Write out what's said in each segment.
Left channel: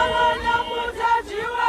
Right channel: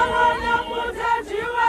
Abanya mutajiwe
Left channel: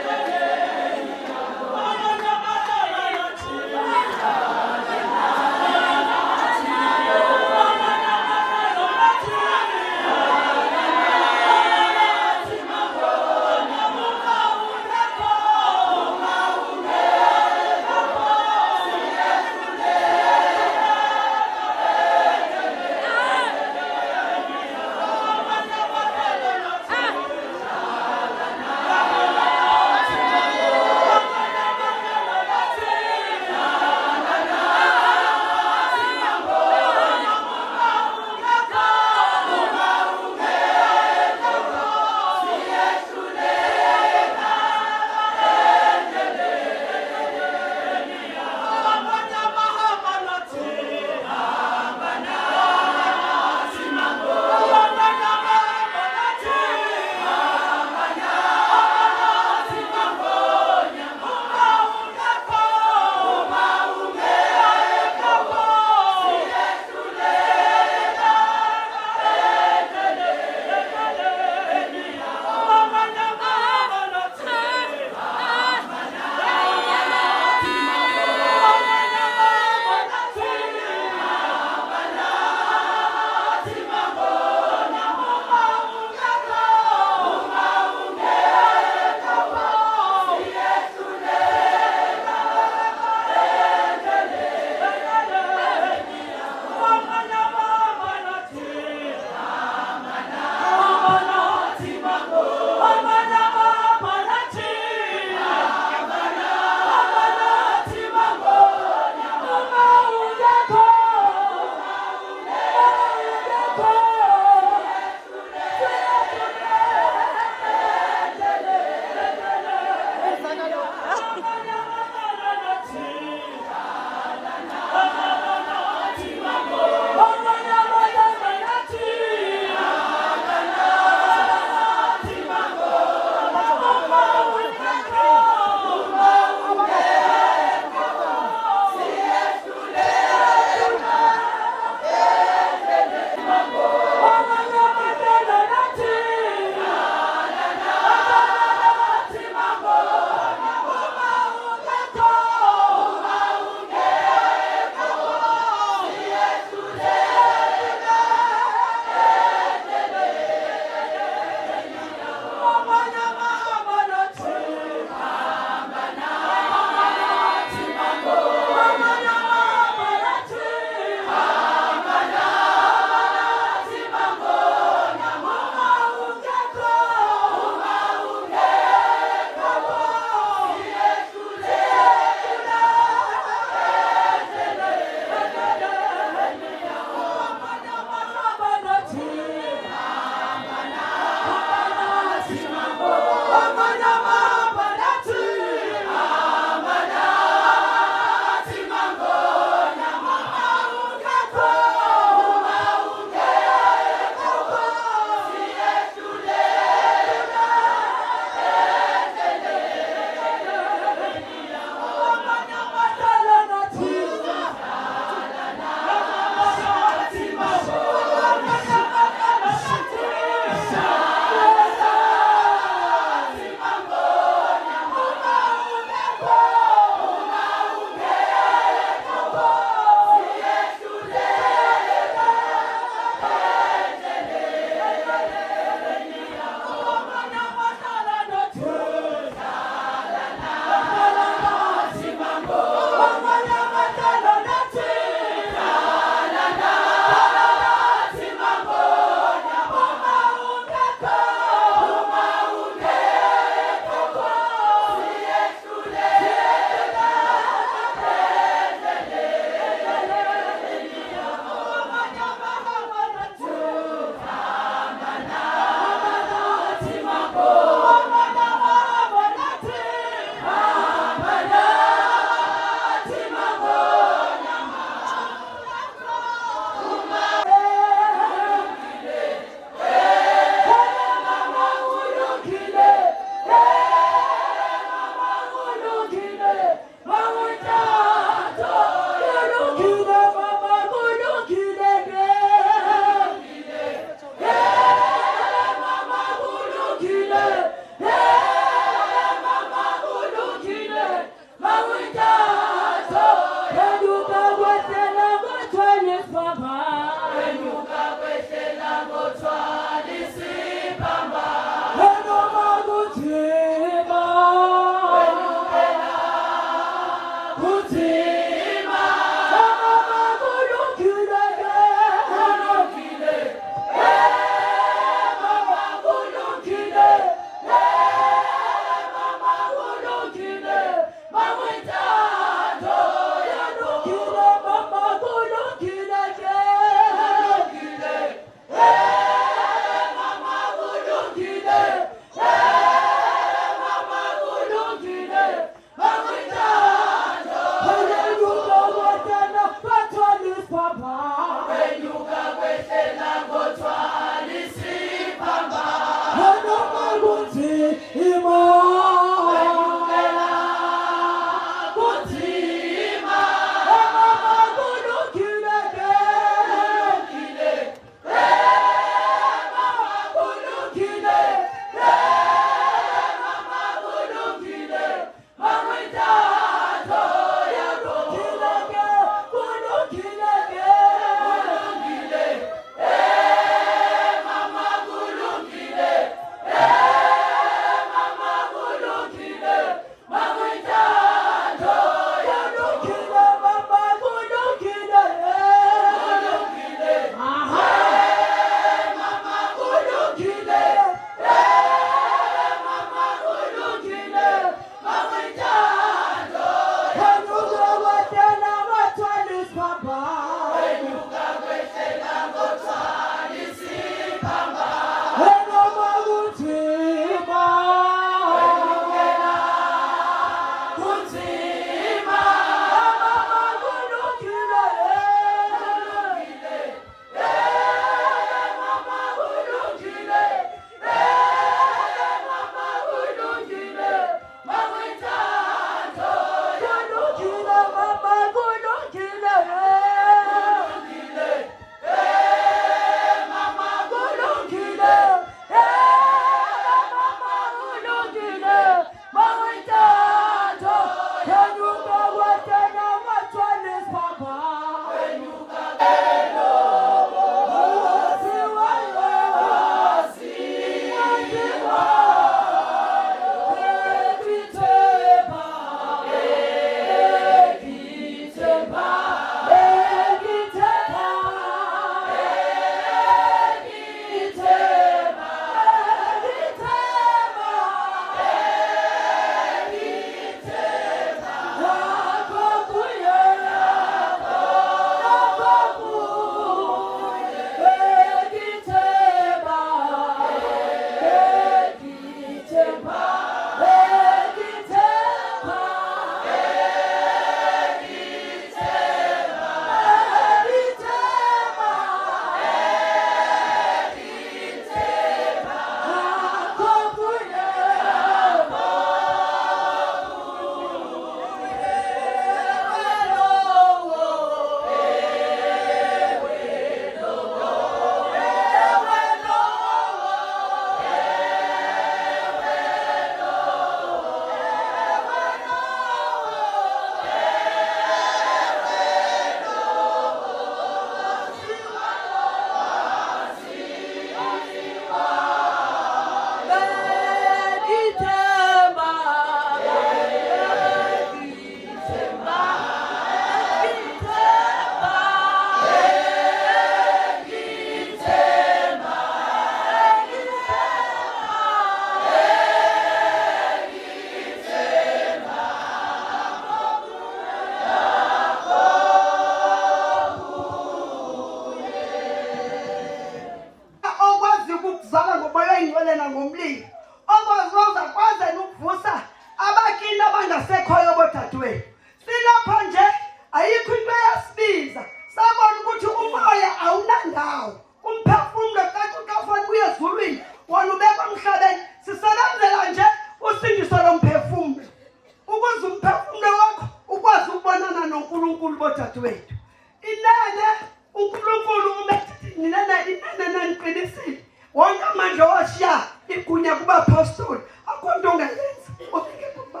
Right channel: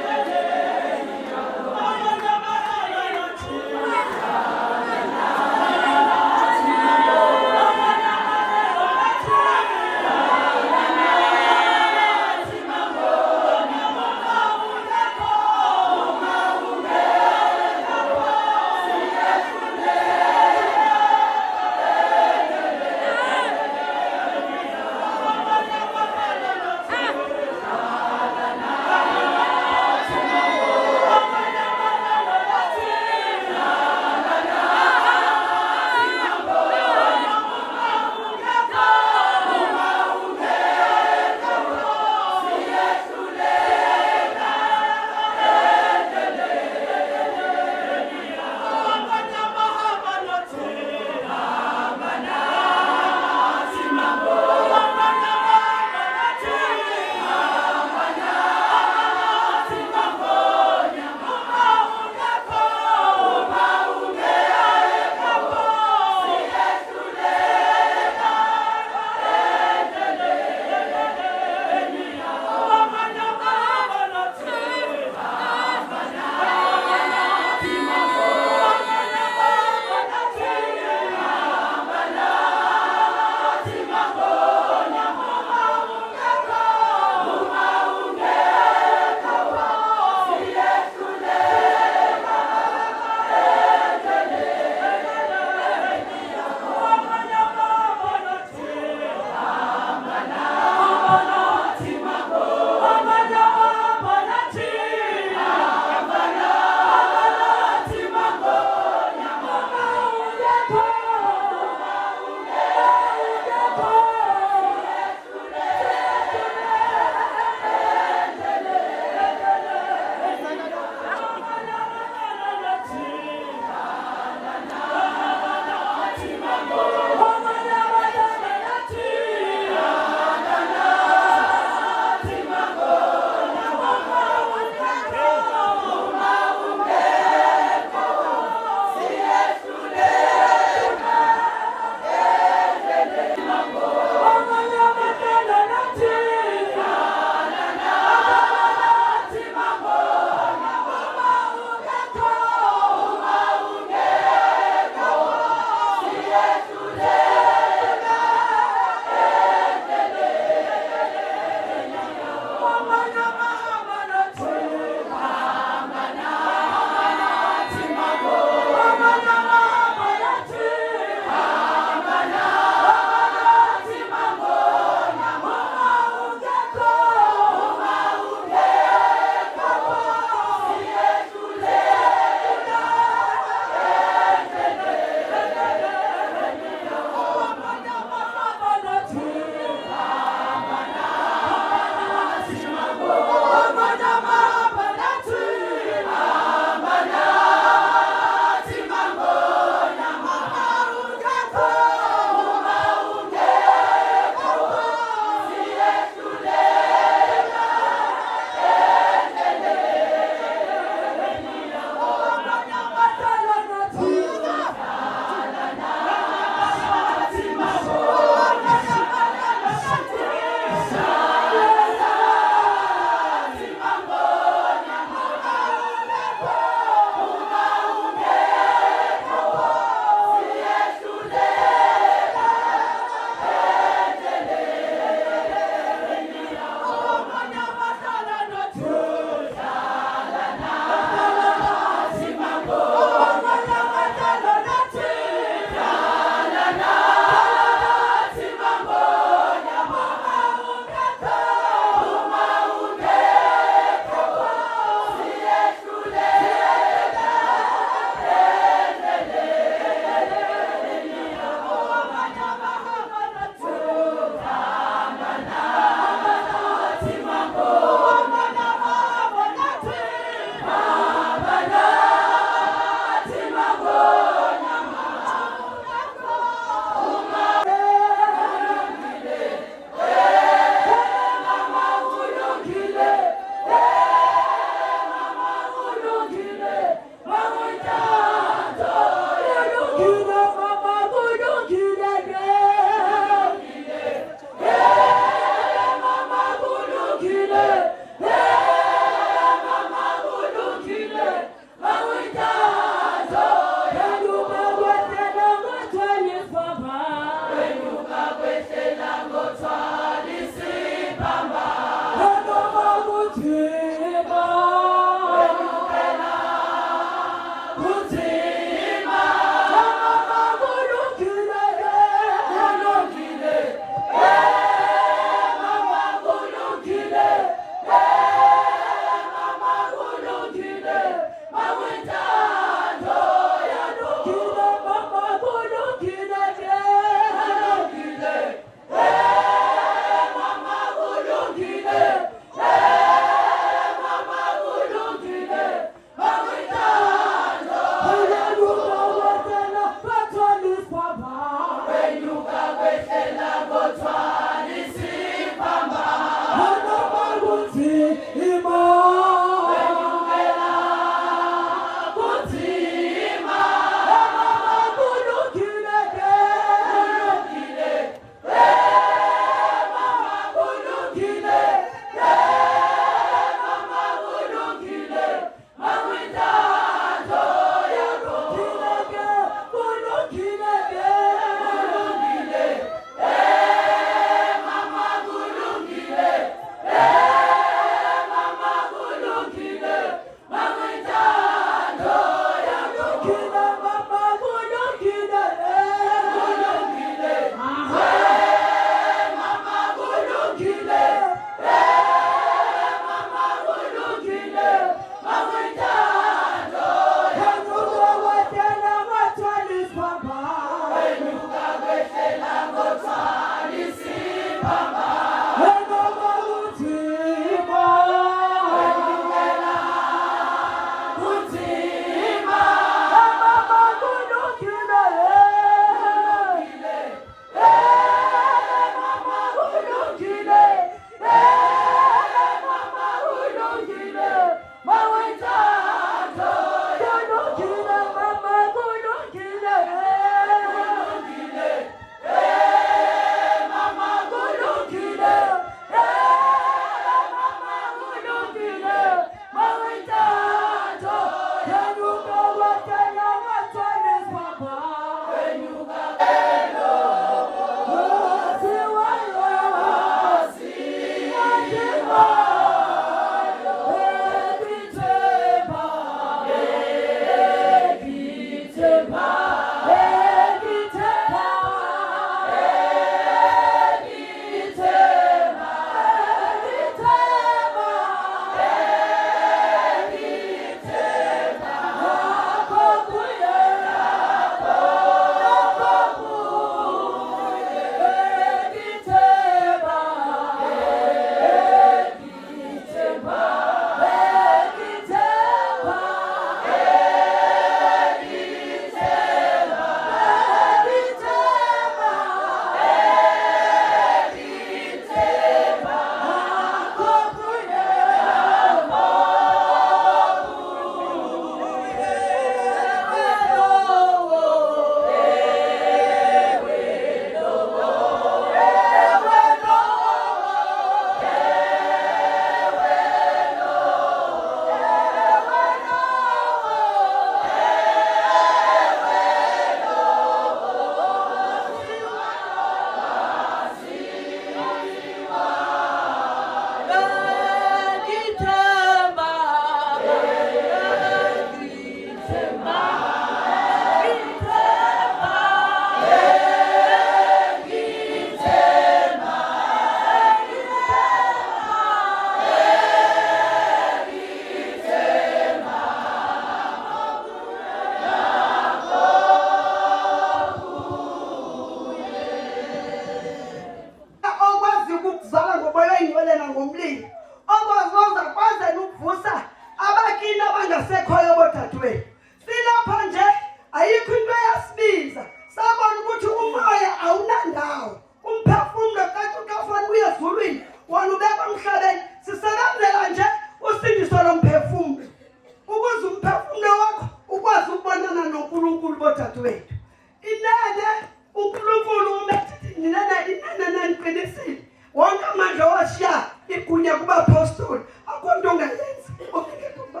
uqinisile wonke amandla washiya igunya kuba apostoli akho nto ongayenza ufike kuba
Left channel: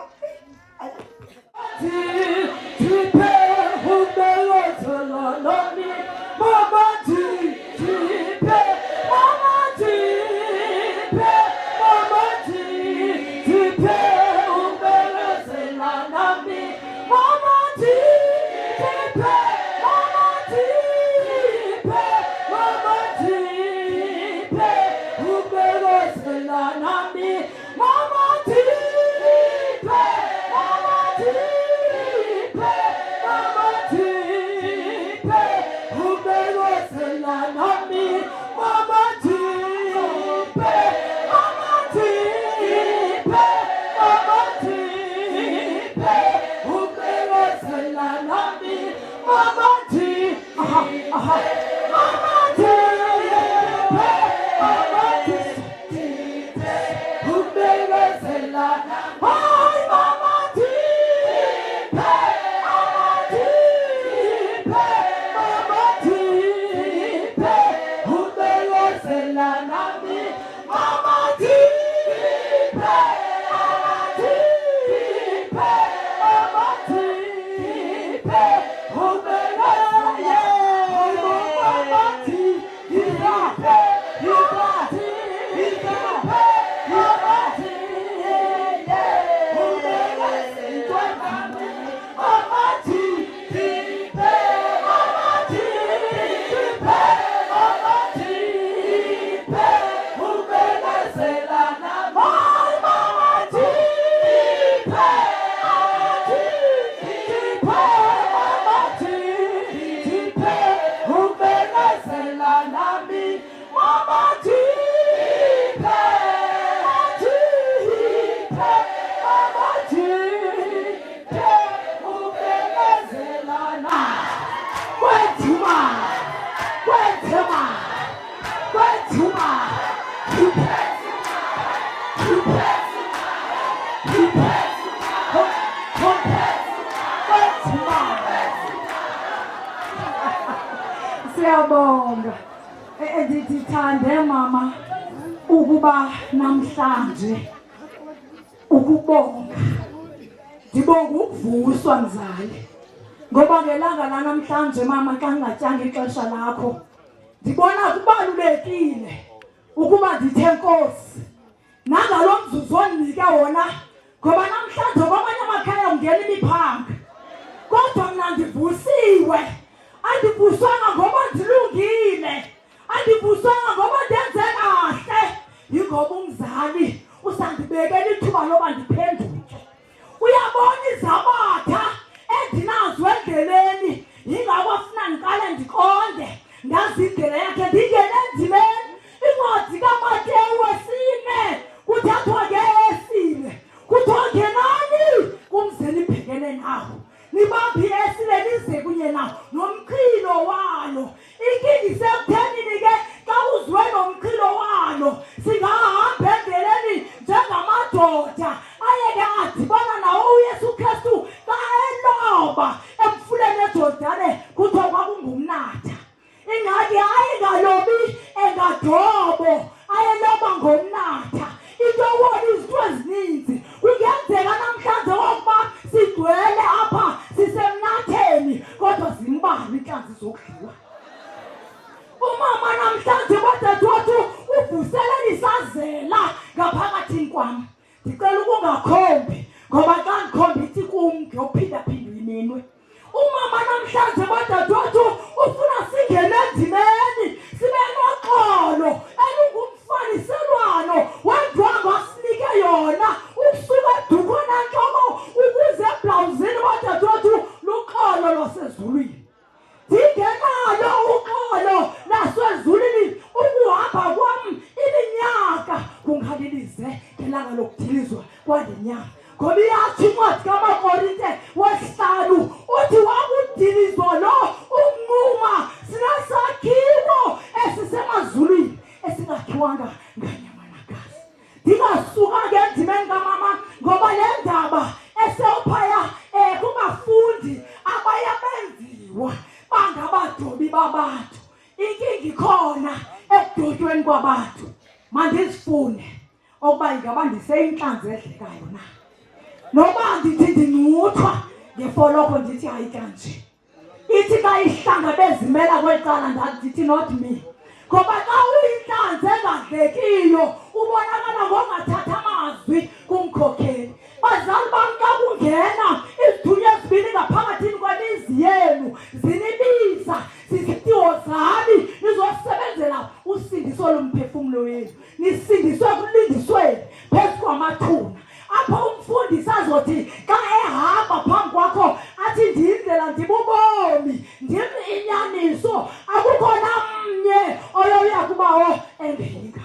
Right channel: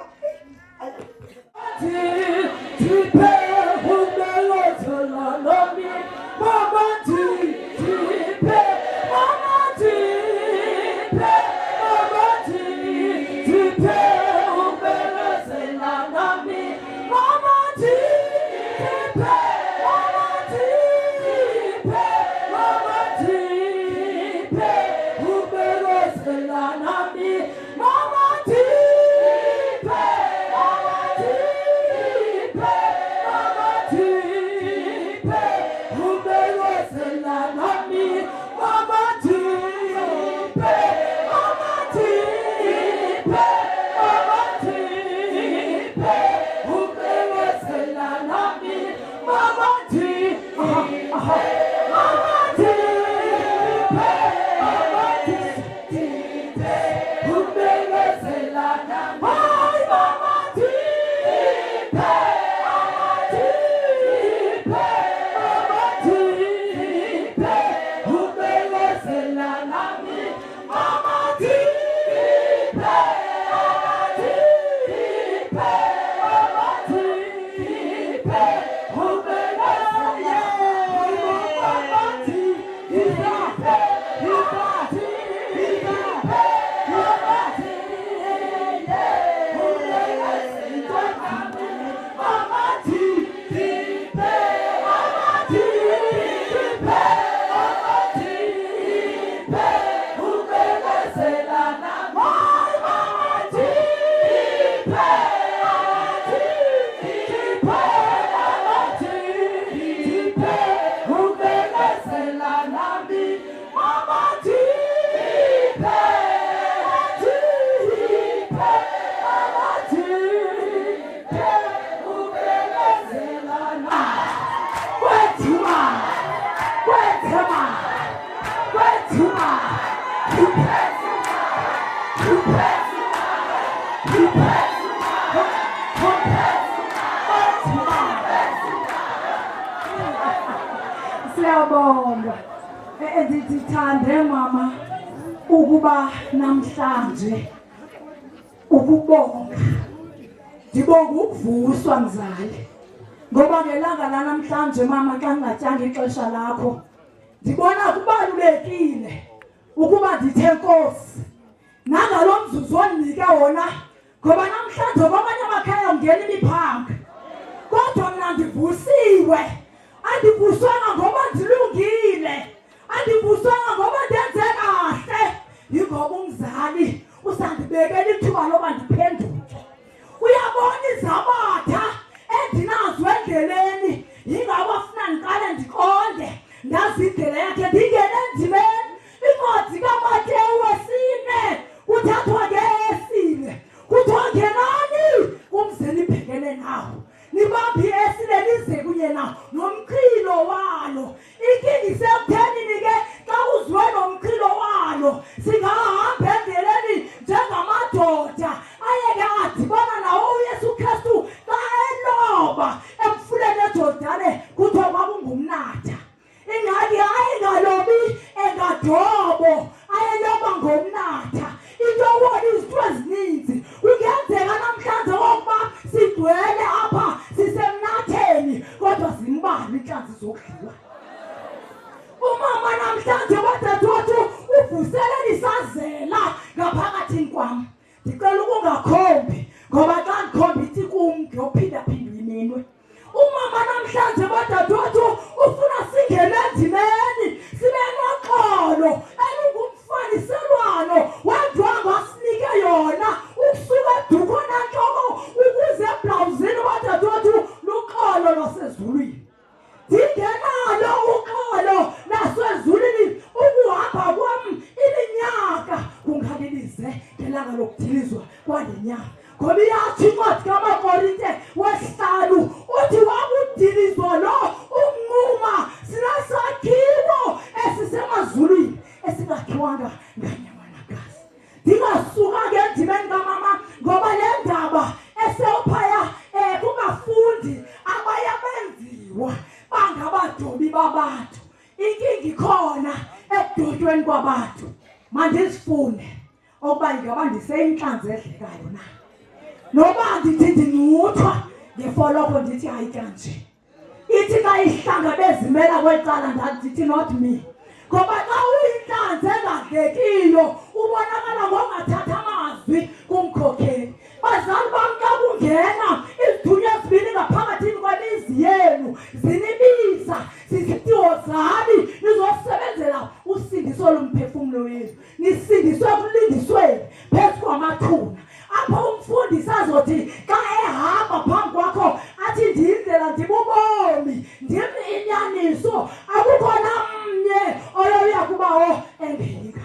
Siyabonga ndithande mama ukuba namhlanje ukubonga ndibonga ukuvuswa mzali ngoba ngelanga lanamhlanje mama xa ngingatyanga ixesha lakho ndibona kubalulekile ukuba ndithe Nkosi nangalo mzuzu ondinike wona ngoba namhlanje kwamanye amakhaya ngena imiphanga kodwa mna ndivusiwe. Andivuswanga ngoba ndilungile, andivuswanga ngoba ndenze kahle, yingoba umzali usandibekela ithuba loba ndiphenduke. Uyabona izabatha endinazo endleleni, yingako afuna ndiqale ndiqonde ndazi indlela yakhe ndingene endimeni. Incwadi kaMateyu 4 kuthathwa ngeesile kuthiwa ngenani kumzeni ibhekene nawo nibambi esile nize kunye nawo nomqhilo walo. Inkinga isekuthenini ke xa uzwe nomqhilo walo singahamba endleleni njengamadoda ayeke adibana nawo uYesu Kristu xa eloba emfuleni eJordane kuthiwa kwakungumnatha. Ingxaki ayingalobi engadobo ayeloba ngomnatha. Into yobona izinto ezininzi kungenzeka namhlanje ngokuba sigcwele apha sisemnatheni kodwa zimbali inhlanzi zokudliwa. Umama namhlanje badadewethu uvuselela isazela ngaphakathi kwami. Ndicela ukungakhombi ngoba xa ndikhomba ithi kum ngiyophinda-phinda iminwe. Umama namhlanje badadewethu ufuna singene endimeni sibe noxolo elungumfaniselwano wendwangu asinike yona ukusuka edukhona entloko ukuze eblawuzini badadewethu luxolo lwasezulwini. Ndingenalo uxolo lasezulwini ukuhamba kwam iminyaka kungalilize ngelanga lokudilizwa kwale nyanga. Ngoba iyatsho incwadi kaMakorinte 5 uthi wakudilizwa lo umnquma sinesakhiwo esisemazulwini esingakhiwanga nganyama nagazi. Ndingasuka ke endimeni kamama ngoba le ndaba esewuphaya kungafundi abaye benziwa bangabadobi babantu. Inkinga ikhona ekudutyweni kwabantu mandizifune okuba ingaba ndiseyinhlanzi edlekayo na noba ndithi ndincuthwa ngefoloko ndithi hayi kanje ithi ka ihlanga bezimela kwecala ndithi not me ngoba xa uyinhlanzi engadlekiyo ubonakala ngongathatha amazwi kumkhokheli. Bazali bam, xa kungena izithunywa ezibini ngaphakathini kwemizi yenu zinibiza zizitiwo zami nizosebenzela usindiso lomphefumulo wenu, nisindiswe kulindisweni phezu kwamathuna. Apho umfundisi azothi xa ehamba phambi kwakho athi ndiyindlela ndibubomi ndim inyaniso akukho namnye oyoya kubawo engeyika.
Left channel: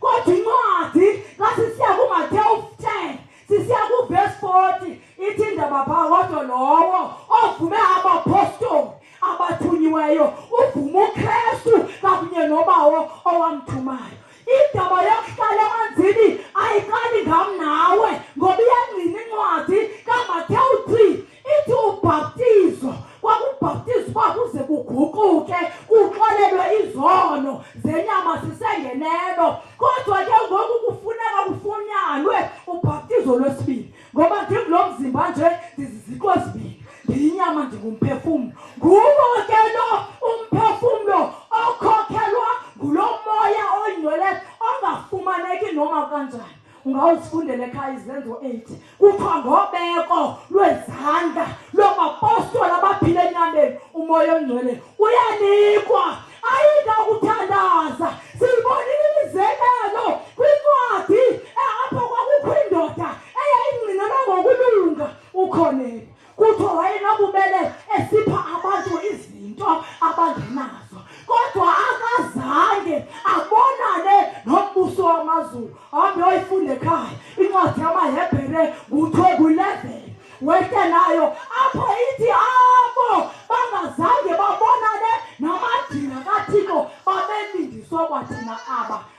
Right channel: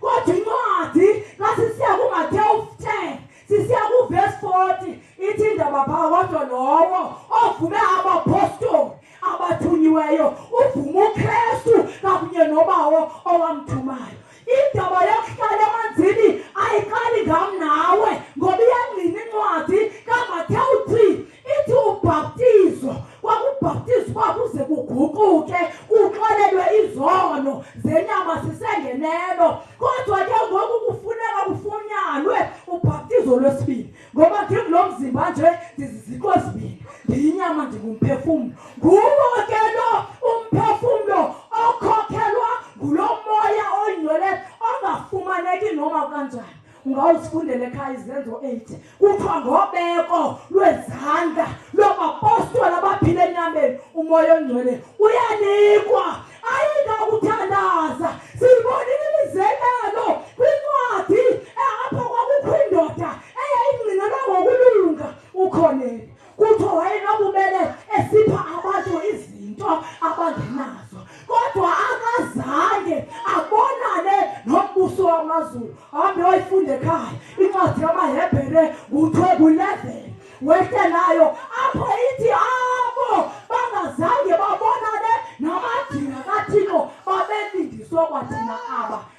Kodwa incwadi xa sisiya kuMateyu 10 sisiya kuvesi 40 ithi indaba phaa kodwa lowo ovume abapostoli abathunyiweyo uvume uKristu kakunye nobawo owamthumayo. Indaba yokuhlala emanzini ayiqali ngam nawe ngoba iyangqina incwadi kaMateyu 3 ithi ubhaptizo kwakubhaptizwa kuze kuguquke kuxolelwe izono zenyama sisengenelo. Kodwa ke ngoku kufuneka kufunyanwe ubhaptizo lwesibili ngoba ndikulo mzimba nje ndiziziko ezibini, ndiyinyama ndingumphefumlo. Nguwo ke lo umphefumlo okhokhelwa ngulo moya oyingcwele ongafumaneki noma kanjani. Ungawuzifundela ekhaya Izenzo 8 kuthiwa ngobeko lwezandla lwabapostoli abaphile enyameni umoya ongcwele uyanikwa. Ayingakuthandaza siyibonile imizekelo kwincwadi apho kwakukho indoda eyayingqinelwa ngokulunga ukhoneni. Kuthiwa wayenobubele esipha abantu izinto abangenazo kodwa akazange abonane nombuso wamazulu. Hambe oyifunde ekhaya incwadi yamaHebhere ku-12 wete nayo apho ithi abo bangazange babonane namadina kaThixo babelindiswa kwathina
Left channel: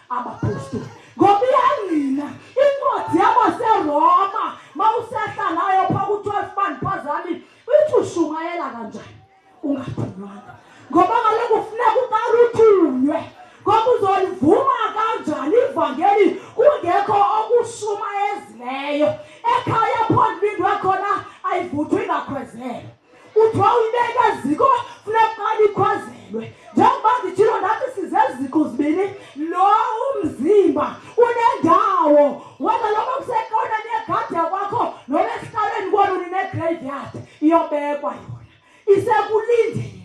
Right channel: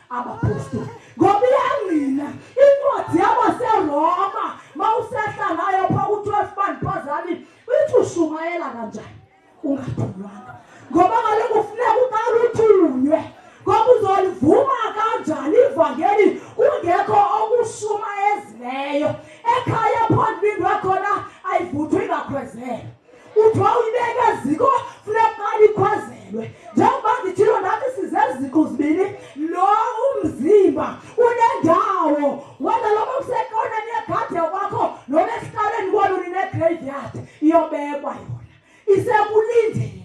abapostoli. Ngoba iyangqina incwadi yabaseRoma mawusehla nayo phaa ku-12 bandiphazami ithi ushumayela kanjani ungathunywanga ngoba kaloku kufuneka uqala uthunywe. Ngoba uzolivuma kanjani ivangeli kungekho okushumayezileyo? Ekhaya apho ndibindwe khona ayivuthwa ingakhwezelwa. Uthiwa uyibeka eziko funeka uqala ikhwezelwe. Njengoba nditshilo ndathi size eziko zibini, lo umzimba unendawo wena loba kusekoneni yegadi yakwakho noba esihlalweni kwenu nine-graveyard iyobekwa yona isekulindeni.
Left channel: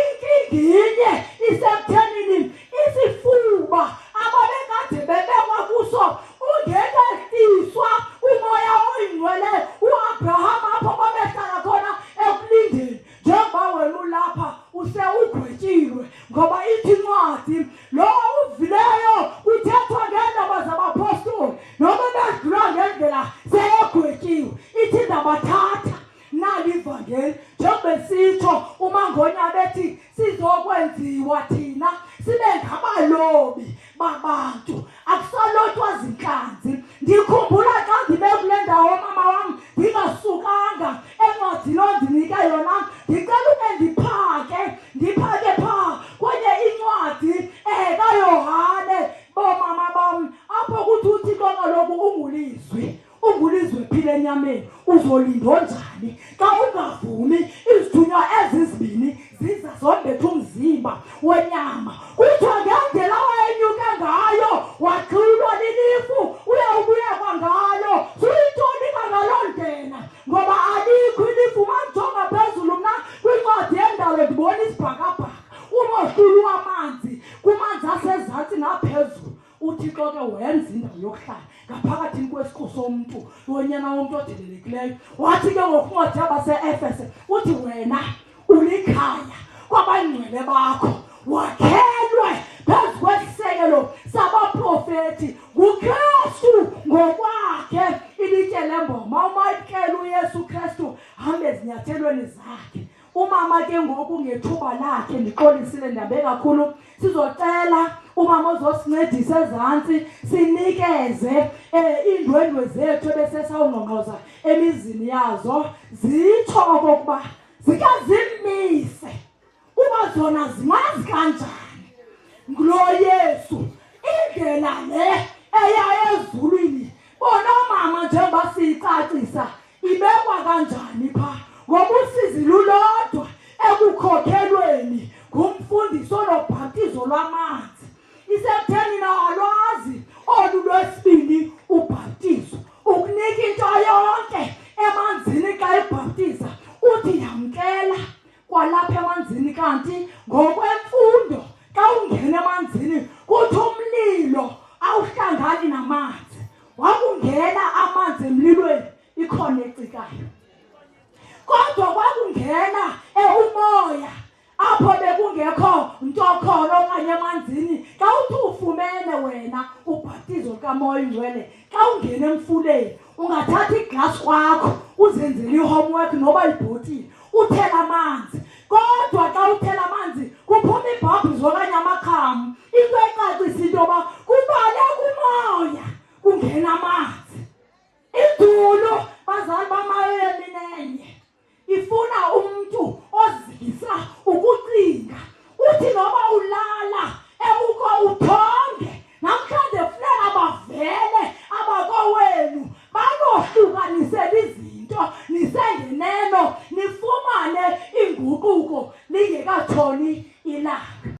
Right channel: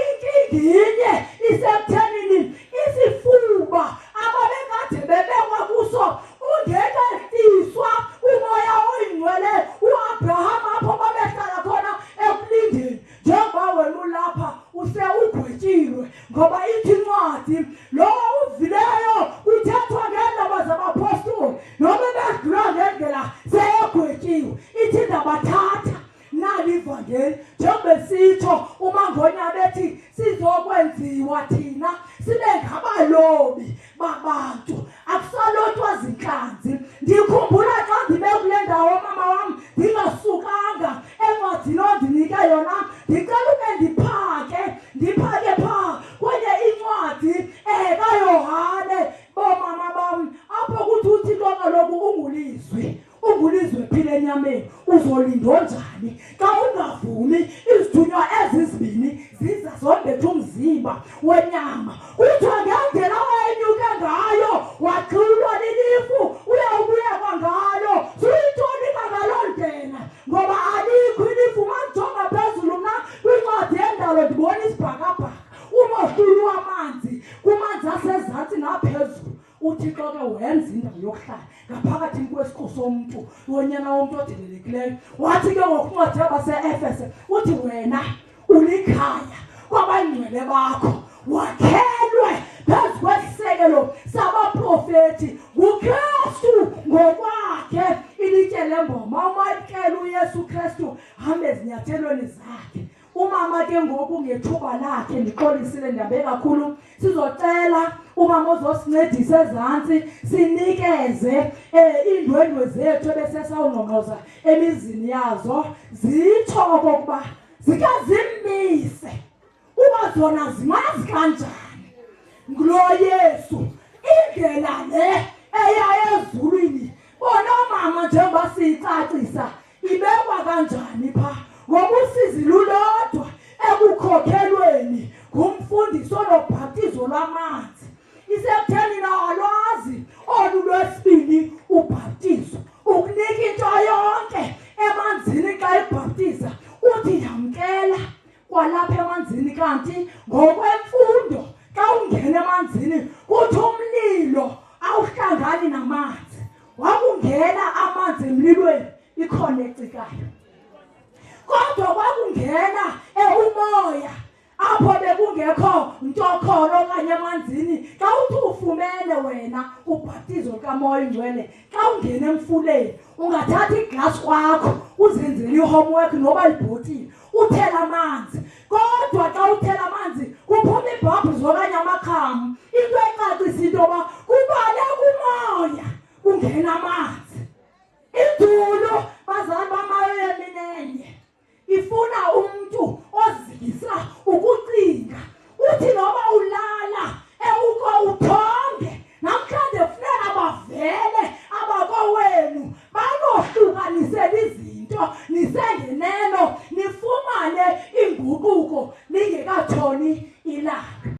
Inkinginye isekuthenini isifuba ababekade bebekwa kuso ungekehliswa umoya oyingcwele uAbraham apho babehlala khona ekulindeni. Njengoba wena ulapha ugwetyiwe ngoba ithi incwadi lo uvileyo uthethwa ngeendaba zabapostoli noba bedlula ngendlela seyegwetyiwe. Ithi ndabathatha nali ivangeli njengoba sitsho uMangonya bethi sizokwenziwa thina sibe ngabalobi babantu akusalotwa zinhlanzi. Ndikhumbula xa ndibe kule ndawo mama wam ndingasukanga encwadini ondinika yona ndicela ube ndiphake phaa kwenye incwadi kaYohane bomama bam apho kuthi uThixo kaloku ungulizwe phile enyameni uzolindwa njani xa ungavumi izithunywa ezizibini ziza zombetha umzimba wenyama. Kuthiwa ngendlela wayenyuke ngayo waxilwa lilifu uyawubuyekwa ngayo. Suyitonika ngaloo ndlela ngoba alikho ilifu. Manjonga phezulu mna kwincwadi yendalo ndibona isibhakabhaka umohlulu wamanzi kumanzi asezantsi naphezulu. uThixo ke wenza indawo yokuhlala ngaphakathi kwesiko somntu wonyana womntu odelelekileyo. Wathi ke ngokuncwadi yabaseEfese uthi wena ulikhaya kwabangcwele bakho wakhelwe phezu kwesisekelo sabaprofeti nguKristu ngokwakhe ilitye lemboma. Umayikele uYesu Kristu hambe ezinyathelweni zakhe. Umama ke ngoku ngethuba lakhe ndixolisile ndabe kakhulu sizocela umama ozosincedisa ezantsi sinikeze iindwendwe zethu ebesesawungqongqoza emizini yazo zitsho okokuba zike zimise uba zona zimazi kanjani ngulo Yesu Jesu indlela le eya ezulwini bona mama njengoba siyicacisa ibekwa kanjani pha ngokusizi lulodwa ekukhokhelweni ngumfundiso lobhaptizo lwamanzi isekutheni nawalwazi olulwesibili ubhaptizo ukunika into yonke emanzini xa ibhaptiza uthi yamkela kwalapha emanzini kanti ngokwemfundo xa ungena emanzini kuthi umlilo awuhlangani namanzi wakungena amanzi emlilweni ikhona ecikayo kodwa kwakungena umoya apho bekungekho nto khona okanye emanzini xa uthi ufumene wena ubhaptizo kamoya ingcwele xa ungena emfuleni ungathatha iglasi kwakho uzenzele ihomework noba ibhotile uthela amanzi kodwa xa uthela amanzi kuphuma ibhabhizo okanye amakhamu into ecacisa into yoba kubale kumoya kungena amanzi